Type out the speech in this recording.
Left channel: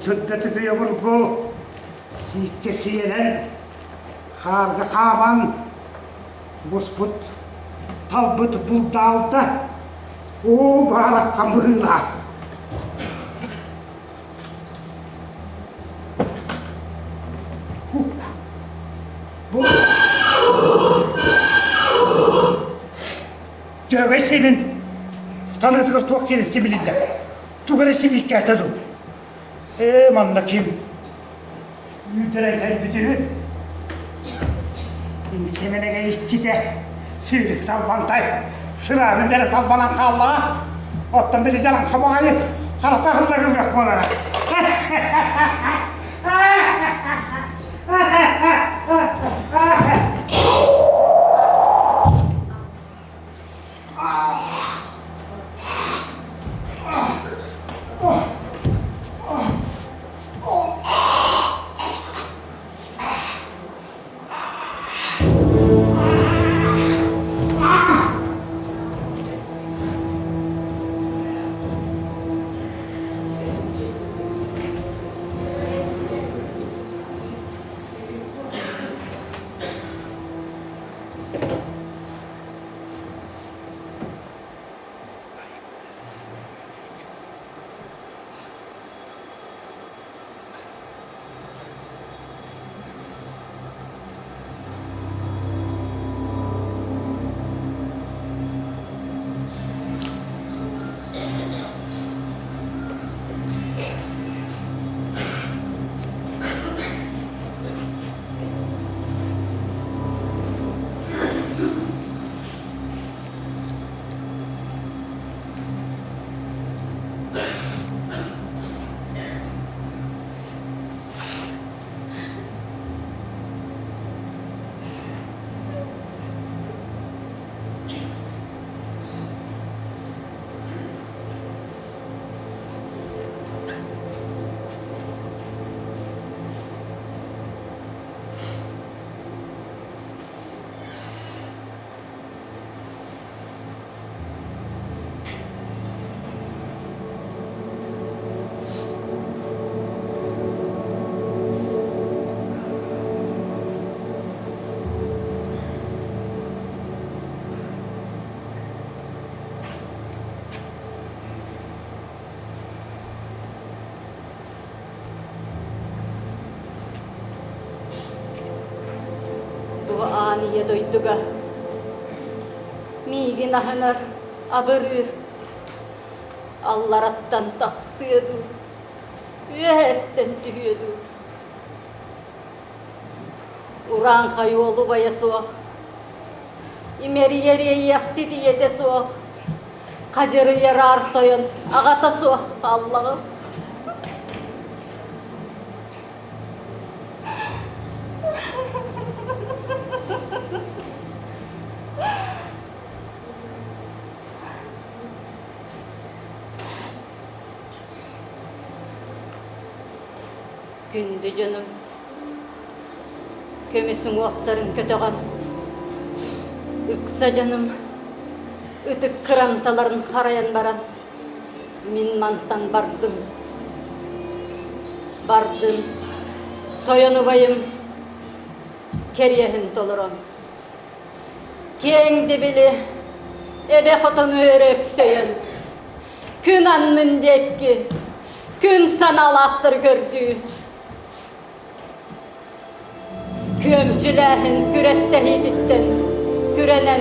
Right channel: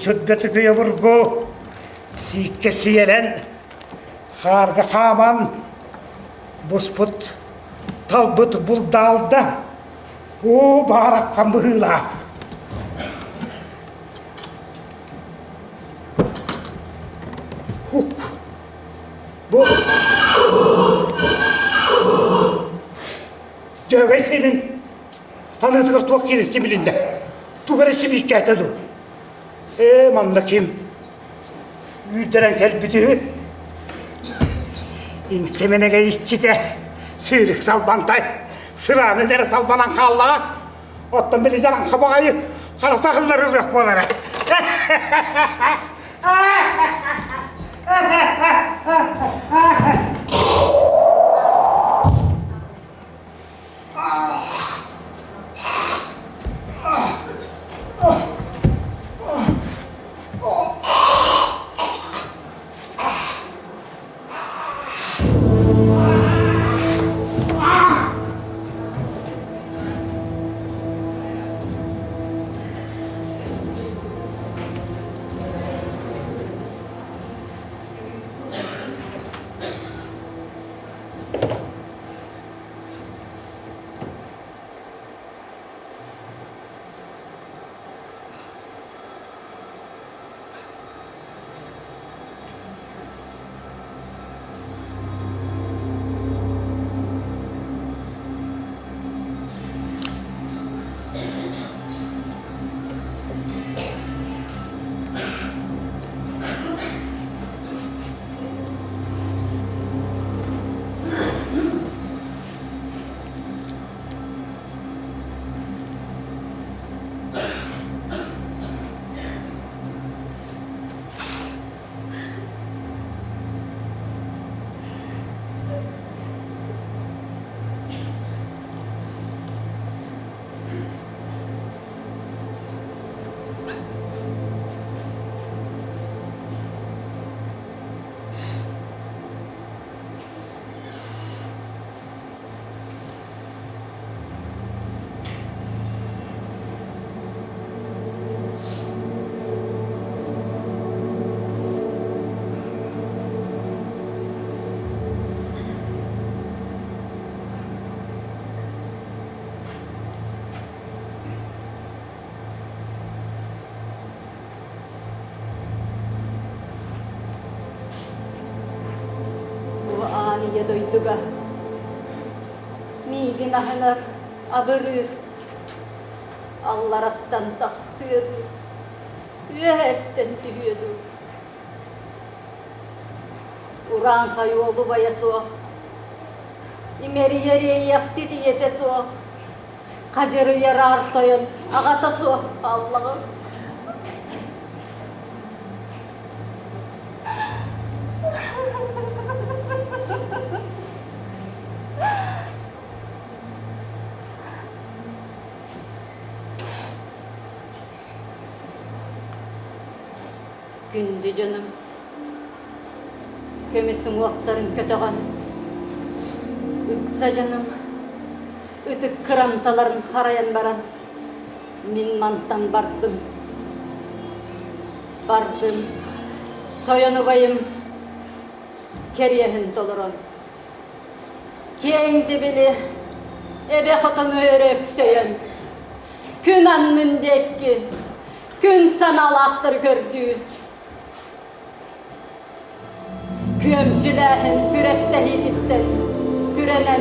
Çöddeti köye vurgu, sikke siyelen, harga kaman, busput, talbut buldalda, o barak kambığıla. Huk, bu, Cöve senin, tanıdığı tok yerisi bilinde, tuğresi bir hikayetedu. Mamlakim, yüzderen kelbidi, İngsemenege işçi de, sürük salbantay, sıranı nere salbanan kalla, ottan beli canım kabağayı, karasakıl verilmiyor bunlara. Aniye doyduga, migin ahınar, abırır, allarattan taksıyordu, üyetten tühüyordu. Uran kayolu baya soğuk, imeri yeriye yastidi yete soğuk, kacarı yarar soyun, ağata soğuk Allah'ım. Gündü canım, kemisin vaktarın kötüğün, üksa canım, ütük kırantaların harayan baran, min mantan bardım, toyunu bayım, keriyehin toluron. Kendi dibili, ebe hotonu örek söyün, gün annın dekki, gün sanalahtır gördüğü. Küömçülerin kürestehiditten, kürenen